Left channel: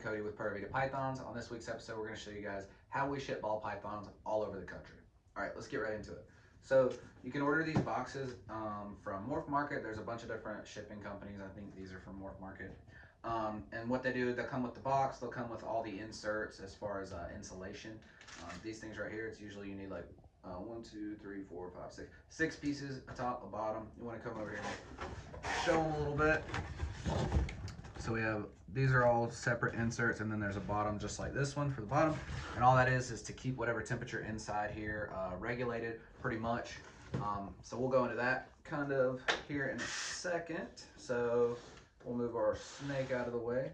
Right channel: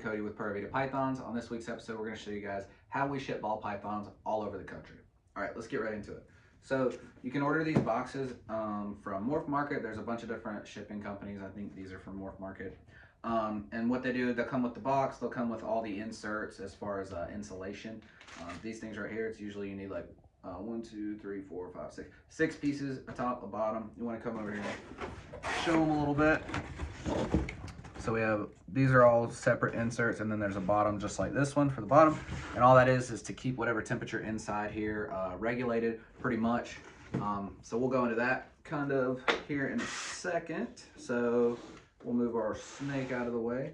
Cody with Pura Vida Pythons. On this week's episode, we're going to show you guys how we ship ball pythons all over the country. All right, let's get right into it. So you can order these boxes from Morph Market. There's a bunch of different shipping companies. I think these are from Morph Market. And what they do, they'll come with the box. They'll come with all the inserts as far as insulation. These things right here, it's usually you need like 1, 2, 3, 4, 5, 6. 6 pieces, a top, a bottom. You want to come over here and show them a little bit. So we have, these are all separate inserts, and then there's a bottom just like this one for the bottom. And all that is to keep whatever temperature inside here regulated pretty much. So we'll go into that kind of here in a second. So we'll move our snake out of the way.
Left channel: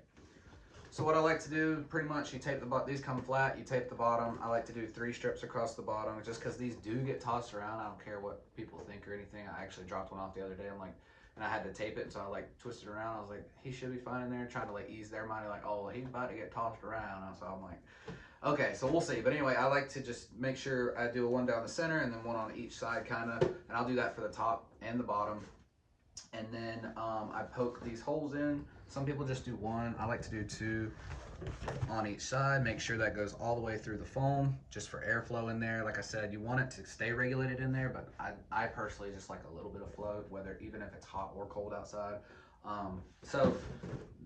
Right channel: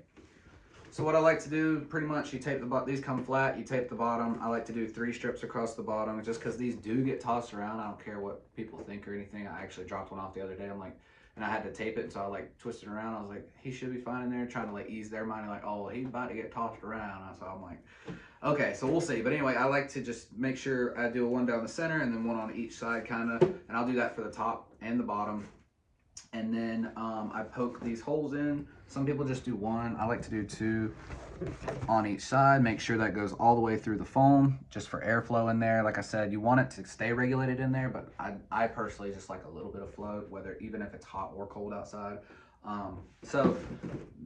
So what I like to do, pretty much, you tape the bottom, these come flat, you tape the bottom. I like to do 3 strips across the bottom just because these do get tossed around. I don't care what people think or anything. I actually dropped one off the other day. I'm like, and I had to tape it, and so I like twisted around. I was like, he should be fine in there, trying to like ease their mind, like, oh, well, he's about to get tossed around. So I'm like, okay, so we'll see. But anyway, I like to just make sure I do one down the center and then one on each side kind of, and I'll do that for the top and the bottom. And then I poke these holes in. Some people just do 1. I like to do 2 on each side. Make sure that goes all the way through the foam, just for airflow in there. Like I said, you want it to stay regulated in there, but I personally just like a little bit of flow, whether even if it's hot or cold outside. So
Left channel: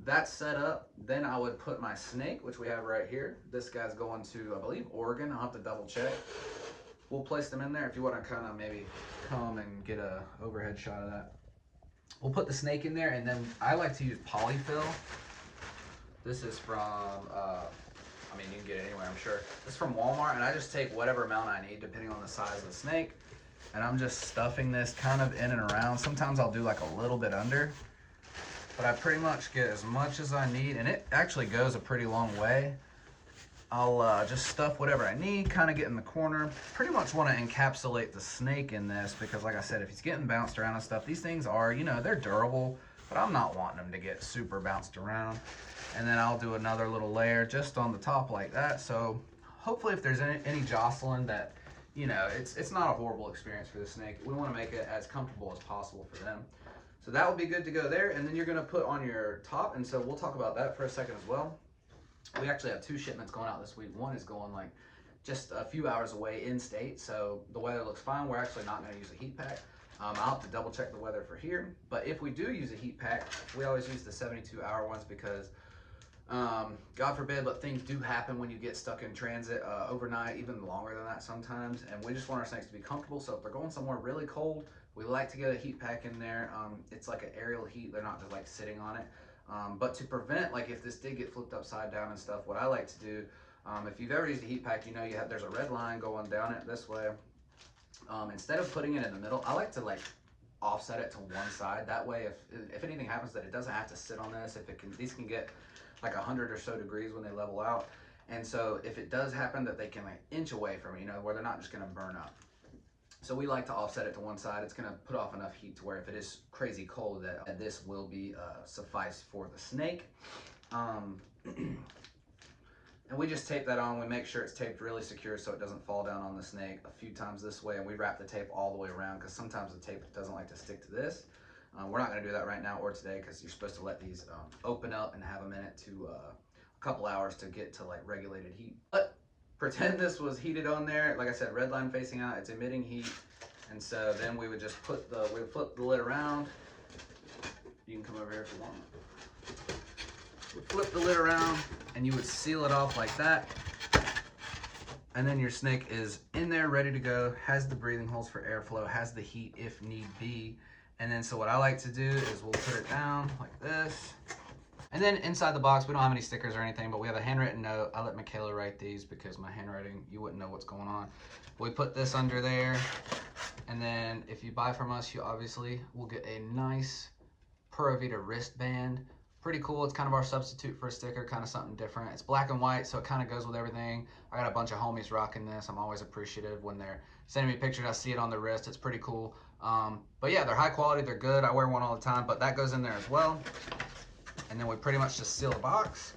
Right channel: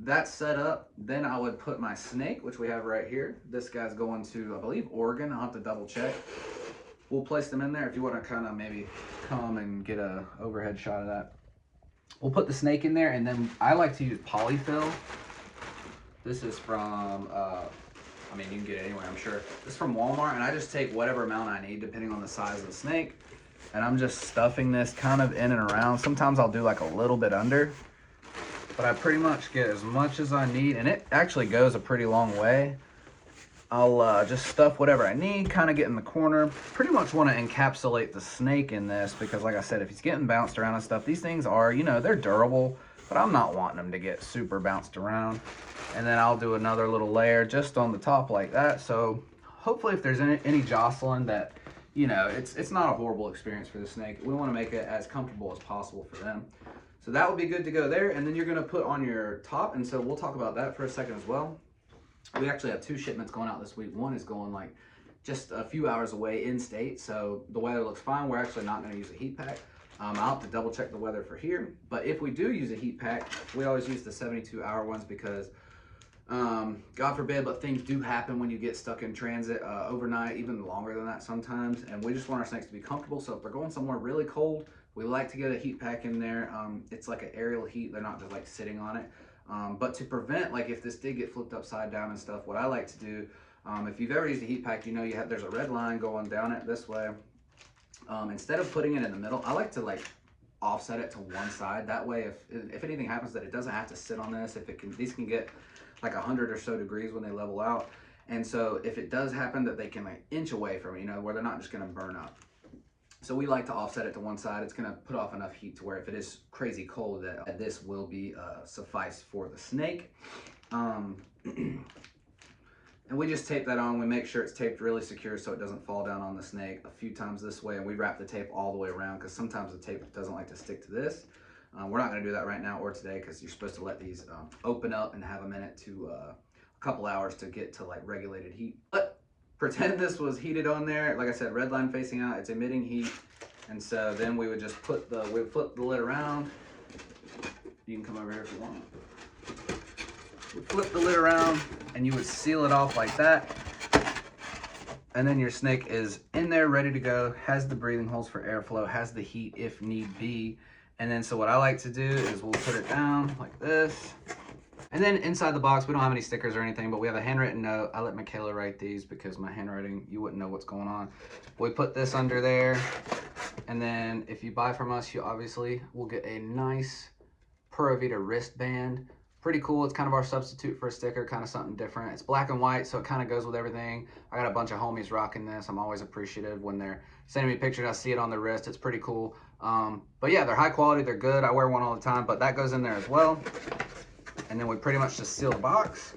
that's set up. Then I would put my snake, which we have right here. This guy's going to, I believe, Oregon. I'll have to double check. We'll place them in there if you want to kind of maybe come and get a overhead shot of that. We'll put the snake in there, and then I like to use polyfill. This is from, I mean, you can get it anywhere, I'm sure. This is from Walmart, and I just take whatever amount I need depending on the size of the snake. And I'm just stuffing this kind of in and around. Sometimes I'll do like a little bit under, but I pretty much get as much as I need, and it actually goes a pretty long way. I'll just stuff whatever I need, kind of get in the corner. Pretty much want to encapsulate the snake in this because, like I said, if he's getting bounced around and stuff, these things are, you know, they're durable, but I'm not wanting them to get super bounced around. And then I'll do another little layer just on the top like that. So hopefully if there's any jostling that, you know, it's not a horrible experience for the snake. We want to make it as comfortable as possible for them. So that would be good to go there. And then you're going to put on your top. And so we'll talk about that for a second as well. We actually have 2 shipments going out this week. One is going like just a few hours away in state. So the weather looks fine. We're actually not going to use a heat pack. I'll have to double check the weather for here. But if we do use a heat pack, we always use the 72-hour ones because God forbid, but things do happen when you get stuck in transit overnight, even longer than that sometimes. And we just want our snakes to be comfortable. So if they're going somewhere really cold, we like to get a heat pack in there. It's like an aerial heat. They're not just like sitting on it. But to prevent, like if this did get flipped upside down and stuff, what I like to do, if you've ever used a heat pack, you know there's a red line going down it this way. Instead of putting it in the middle, I like to like offset it to one side. That way, if anything happens, that it doesn't have to sit on this. These can get like 100 or so degrees when they level out. And so if it does happen, that they can like inch away from it, you know, where they're not just going to burn up. So we like to offset it to one side. It's going to put off enough heat to where if it is crazy cold, that this will be suffice for the snake. And we just tape that on. We make sure it's taped really secure so it doesn't fall down on the snake a few times this way. And we wrap the tape all the way around because sometimes the tape doesn't like to stick to this. We're not going to do that right now or today because you're supposed to let these open up and have a minute to a couple hours to get to like regulated heat. But pretend this was heated on there. Like I said, red line facing out, it's emitting heat. And so then we would just we'd flip the lid around. You can come over here if you want. We'd flip the lid around and you would seal it off like that. And then your snake is in there ready to go, has the breathing holes for airflow, has the heat if need be. And then so what I like to do is we'll put it down like this. And then inside the box, we don't have any stickers or anything, but we have a handwritten note. I let Michaela write these because my handwriting, you wouldn't know what's going on. We put this under there. And then if you buy from us, you obviously will get a nice Pura Vida wristband. Pretty cool. It's kind of our substitute for a sticker, kind of something different. It's black and white, so it kind of goes with everything. I got a bunch of homies rocking this. I'm always appreciative when they're sending me pictures. I see it on the wrist. It's pretty cool. But yeah, they're high quality. They're good. I wear one all the time, but that goes in there as well. And then we pretty much just seal the box.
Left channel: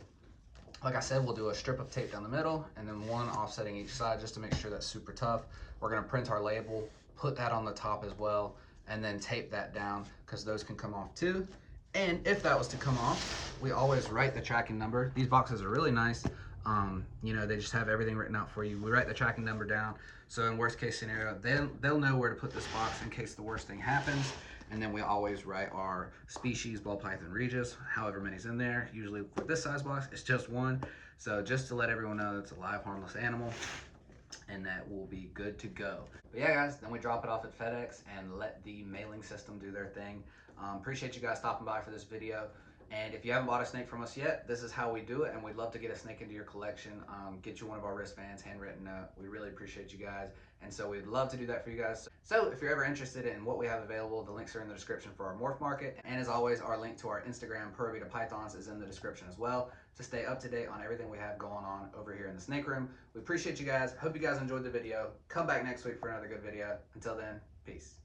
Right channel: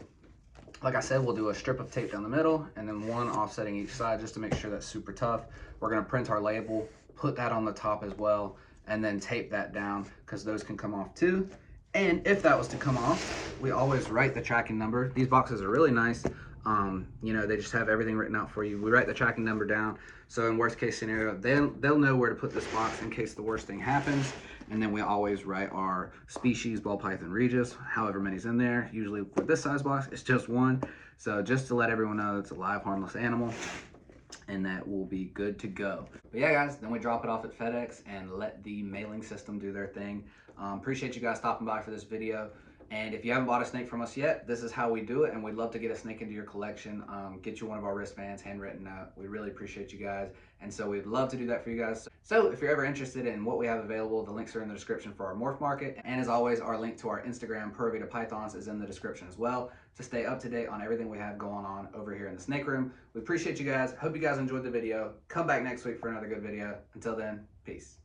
Like I said, we'll do a strip of tape down the middle and then one offsetting each side just to make sure that's super tough. We're going to print our label, put that on the top as well, and then tape that down because those can come off too. And if that was to come off, we always write the tracking number. These boxes are really nice. You know, they just have everything written out for you. We write the tracking number down. So in worst case scenario, they'll know where to put this box in case the worst thing happens. And then we always write our species, ball python regis, however many's in there. Usually for this size box, it's just one. So just to let everyone know it's a live, harmless animal, and that will be good to go. But yeah, guys, then we drop it off at FedEx and let the mailing system do their thing. Appreciate you guys stopping by for this video. And if you haven't bought a snake from us yet, this is how we do it, and we'd love to get a snake into your collection, get you one of our wristbands, handwritten note. We really appreciate you guys, and so we'd love to do that for you guys. So if you're ever interested in what we have available, the links are in the description for our morph market, and as always, our link to our Instagram, Pura Vida Pythons, is in the description as well, to stay up to date on everything we have going on over here in the snake room. We appreciate you guys. Hope you guys enjoyed the video. Come back next week for another good video. Until then, peace.